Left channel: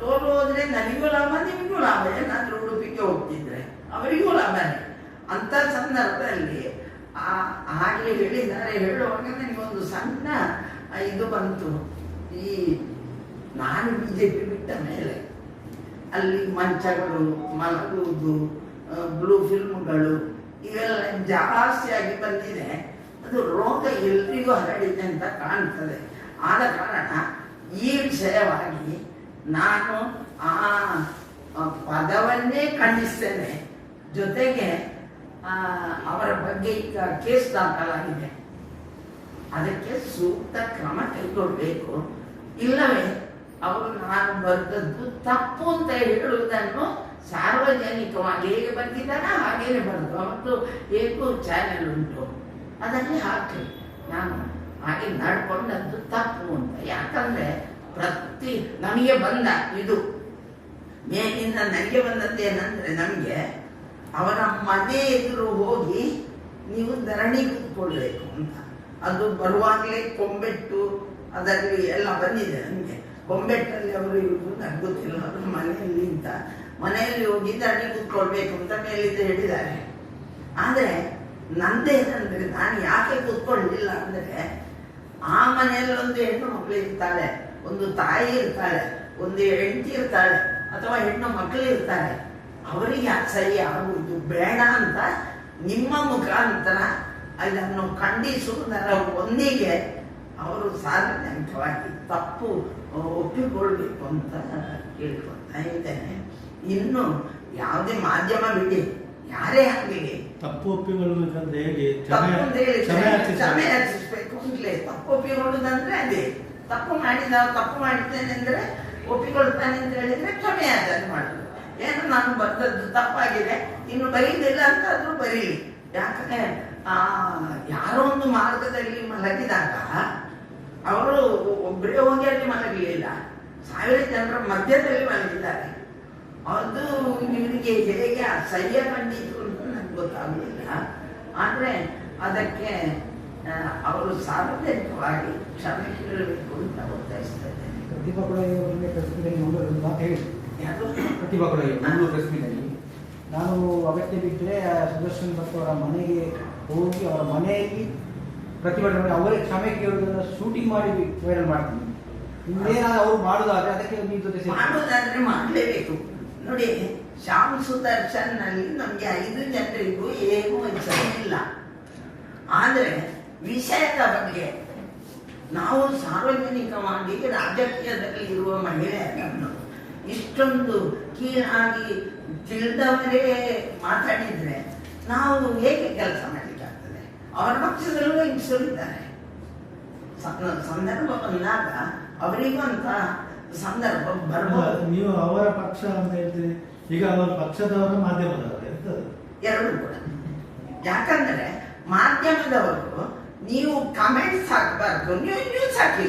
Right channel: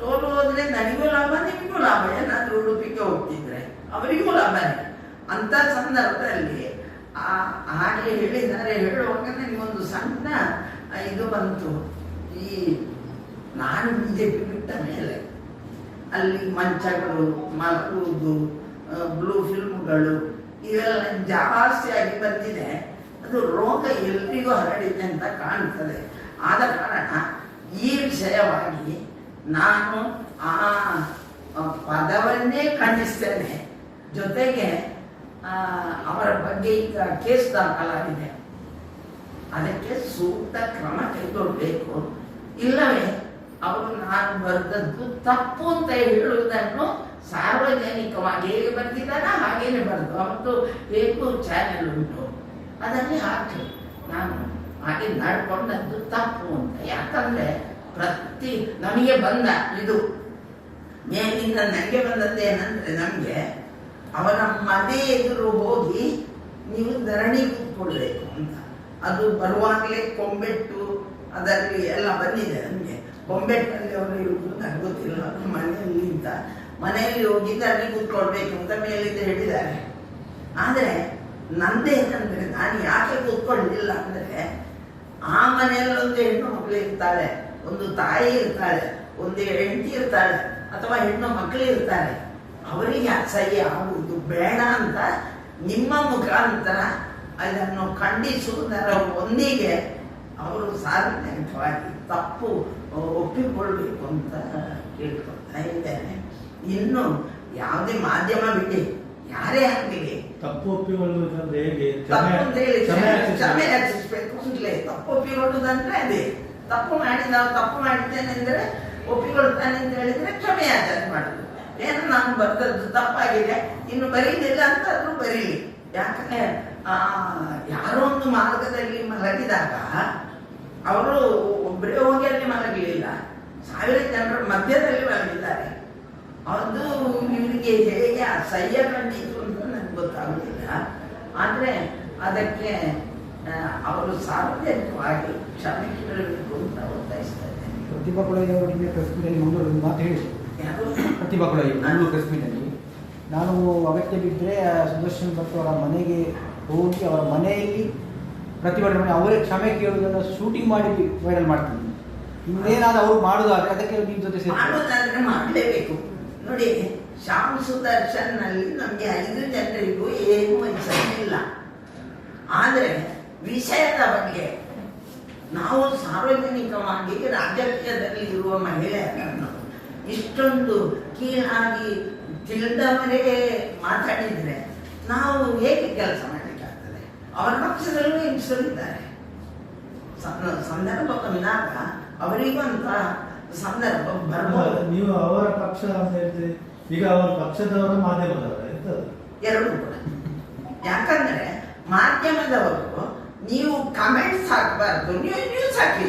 ಸೋಲು ಹೋದ್ರೆ ನನಗೂ ಲಾಭ ನಿಮಗೂ ಲಾಭ. ಏನಾದ್ರೂ ಉಡುಪಿಗೆ ಹೋಗ್ತಿದ್ರೆ ಅವರಿಗೂ ಲಾಭನೇ. ಅಂತ ಸಂದರ್ಭದಲ್ಲಿ ಆಗ್ಲೇ ಹೇಳಿದ್ದಾರೆ. ಹೇಳುವಾಗ ನನಗೊಂದು ಸಣ್ಣ ಇದು ಬಂತು. ಈ ನಾನು ಬಿಜೆಪಿ ಬಿಟ್ಟ ಮೇಲೆ ಅಲ್ಲಿ ಮಂಚಗಳು, ಮಲಗುವುದು, ಬ್ಲೂ ಫಿಲ್ಮ್ಗಳು ಇವೆಲ್ಲ ಜಾಸ್ತಿ ಆಗಿ ಬಂದಿದೆ. ಅದು ರೋಗ ಎಲ್ರಿಗೂ ಹರಡಿದೆ ಅಂತ ಕಾಣ್ತದೆ. ಆದ ಕಾರಣ ಈ ವಿಷಯವಾಗಿ ನಾನು ಆ ಪದವನ್ನೇ ಖಂಡಿಸ್ತೇನೆ. ಜೊತೆಗೆ ಅವರ ಬಗ್ಗೆ ಈಗ ಕೇಸ್ ದಾಖಲಾಗಿದೆ. ಅದಕ್ಕೆ ಸೂಕ್ತ ಕ್ರಮ ಕೈಗೊಳ್ಳಬೇಕು. ಇಲ್ಲವೇ ಅವರು ನಾನು ಬರೆದದ್ದು ತಪ್ಪು ಅಂತ ಹೇಳುವುದನ್ನು ಸಾರ್ವಜನಿಕವಾಗಿ ಹೇಗೆ ಬಂದಿದ್ದಾರ ಹಾಗೇನೆ ಬರೆದು ಅವತ್ತು ಹೇಗೂ ಚಾನೆಲ್ ಉಂಟು ಅದನ್ನೇ ಹಾಕಿ ನಾನು ಹಾಗೆ ನಡ್ಕೊಂಡದ್ದು ತಪ್ಪು ಅಂತ. ಯಾಕಂದ್ರೆ ನಮಗೆ ಬಂದ ಇದು ಮೇಲಿಂದ ನನಗೆ ಬಂದದ್ದೇನಂದ್ರೆ, ನಮಗೆ ಅವರ ಮನೆ ಎದುರು ಹೋಗಿ ನೀವು ಧರಣಿ ಕೂತ್ಕೊಳ್ಬೇಕು ಅಂತ. ಅದು ಬರುವಾಗಲೇ ಕೊಂಬೆಟ್ಟು ಅದರಲ್ಲಿ ಎಲ್ಲ ಬಂದಿದೆ. ನಮಗೆ ಕೊಂಬೆಟ್ಟಲ್ಲಿ ಅವರು ಇರುವುದು ನನಗೆ ಗೊತ್ತಿಲ್ಲ. ಅವರು ಮನೆಯಲ್ಲಿ ಅಂತ ಮನೆಯಲ್ಲಿ ಹೋಗಿ ಧರಣಿ ಕೂತ್ಕೊಳ್ಬೇಕು ಅಂತ ಮೇಲಿಂದ ಹೇಳಿದ್ದಾರೆ. ಆದರೆ ನಂದೇನಂದ್ರೆ, ನಾನು ಯಾಕೆ ಕೂತ್ಕೊಳ್ಳಿಲ್ಲ ಅಂದ್ರೆ, ಆ ಮನೆಯಲ್ಲಿ ಒಂದು ಹೆಣ್ಣು ಮಕ್ಕಳು ಇರ್ತಾಳೆ, ಒಂದು ತಾಯಿ ಇರ್ತಾಳೆ, ಒಂದು ಹೆಂಡತಿ ಇರ್ತಾಳೆ, ಅಥವಾ ಹೆಣ್ಣು ಮಕ್ಕಳು ಇರ್ತಾರೆ. ಅವರಿಗೆ ಅಸಹ್ಯ ಆಗುವುದು ಬೇಡ ಅಂತ ನಿಮ್ಮ ಮುಖಾಂತರ ಅದನ್ನು ಖಂಡಿಸುವುದರ ಒಂದಿಗೆ ಅವರು ಸಾರ್ವಜನಿಕವಾಗಿ ತಪ್ಪು ಒಪ್ಪಿಕೊಳ್ಬೇಕು ಅಂತ ಕೇಳ್ಕೊಳ್ತಾ ಇದ್ದೇನೆ. ಇನ್ನು ಯಾವುದೇ ಮಾಧ್ಯಮ ಬಿಡಿ, ಯಾರೇ ಆಗಲಿ ತಪ್ಪು ಒಪ್ಪಿಕೊಳ್ಳುವುದಂದ್ರೆ ಹೇಗೆ? ತಪ್ಪು ಅಂತ ಹೇಳಿ ಕ್ಷಮೆ ಯಾಚಿಸ್ಬೇಕು ಅಂತಲೇ. ತಪ್ಪು ಒಪ್ಪಿಕೊಳ್ಳುವುದಂದ್ರೆ ಅದೇ. ತಪ್ಪು ಮಾಡಿದ್ದೇನೆ ಅಂದ್ರೆ ಒಪ್ಪಿಕೊಳ್ತಾನೆ ಅಂತ ಹೇಳಿದ್ರೆ ಕ್ಷಮೆ ಯಾಚನೆ ಮಾಡುದು. ಏನು ನಾನು ಬರ್ತದ್ದು ತಪ್ಪಾಗಿದೆ, ಇನ್ನು ಬರೀದಿಲ್ಲ ಅಂತ ಆದ್ರೂ ಬರೀಲಿ. ಯಾಕಂದ್ರೆ ಯಾರೋ ಒಂದು ಮಾರ್ಗದಲ್ಲಿ ಮಲಗಿದಾಗ ಅವರು ಒಬ್ಬರೇ ಹೋಗಿ ಅಲ್ಲಿ ಮಲಗಲಿಲ್ಲ, 1000 ಜನರ ಮಧ್ಯದಲ್ಲಿ ಮಲಗಿದ್ದಾರೆ. ಅದು ಇವರಿಗೆ ಹೇಗೆ ಅಸಹ್ಯ ಕಂಡಿತು ಅಂತ ನನಗೆ ಗೊತ್ತಾಗಲಿಲ್ಲ. ಆದ್ರೆ ಅದಕ್ಕೆ ಅವರು ಸಾರ್ವಜನಿಕವಾಗಿ ಕ್ಷಮೆ ಕೇಳಬೇಕು ಅಂತ ಒತ್ತಾಯಿಸ್ತಾ ಇದ್ದೇನೆ. ಪ್ರತಿಭಾ ಕೊಡಗಿಯವರಿಗೆ ಪ್ರೆಸ್ ಮೀಟಲ್ಲಿ ಮಂಗಳೂರು ಮಾತು ಹೇಳಿದ್ರು. ಪ್ರತಿಭಾ ಕೊಡಗಿ ಮಂಗಳೂರು ಪ್ರೆಸ್ ಮೀಟಲ್ಲಿ ನಾನು ಅಗತ್ಯ ಬಿದ್ದರೆ ಸುದರ್ಶನ್ ಭಟ್ ಅವರ ಮನೆಗೆ ಹೋಗಿ ಅವರ ಮನೆಯಲ್ಲಿ ಪ್ರತಿಭಟನೆ ಅವರೇ ಕ್ಷಮೆ ಕೇಳುವುದನ್ನು ಶೂಟಿಂಗ್ ಮಾಡಿ ವೈರಲ್ ಮಾಡ್ತೀನಿ. ಇನ್ನೇನಾದ್ರು ಅವರು ಮಾಡುದಾದ್ರೆ ಅದಕ್ಕೆ ನಿಮ್ಮ ಜೊತೆ ಮಾಡುದಾದ್ರೆ ಮಾಡಲೇಬೇಕು. ನೋಡಿ, ಶ್ಯಾಮ್ ಸುದರ್ಶನ್ ನಲ್ಲಿ ನಮ್ಗೆ 5 ಜನರಿಗೂ ಏನು ವಂಚನೆ ಇಲ್ಲ. ಆದ್ರೆ ವಿಷಯದ ಬಗ್ಗೆ ನಾವು ಸಾರ್ವಜನಿಕವಾಗಿ ರಾಜಕೀಯದಲ್ಲಿ ಇರುವ ಮಹಿಳೆಯರನ್ನು ಇಷ್ಟೊಂದು ಕೀಳಾಗಿ ತಿಳಿದವರೇ ಮಾತಾಡಿದ್ರೆ ನಾವು ಹೇಗೆ ಕೆಲಸ ಮಾಡಲಿಕ್ಕಾಗ್ತದೆ? ಅವರ ಪಕ್ಷದಲ್ಲೂ ಹಿಂಸರಿದ್ದಾರೆ. ಸಂದರ್ಭ ಬಂದಾಗ ಅವರಿಗೂ ಅಂತ ಸಂದರ್ಭ ಬರ್ಬೋದು. ನೀವು ಅವರ ಪಕ್ಷ ಅಂತ ಹೇಳ್ತೀರಿ, ಈಗ ಅವರ ಪಕ್ಷದವರು ಮಾಧ್ಯಮದವರ ಎರಡೂ ಕೂಡ. ಯಾಕಂದ್ರೆ ಮಾಧ್ಯಮದವರು ನೀವು ಕಮೆಂಟ್ಸ್ ಹಾಕಬಾರ್ದು, ನೀವು ನ್ಯೂಸ್ ಹಾಕಿ.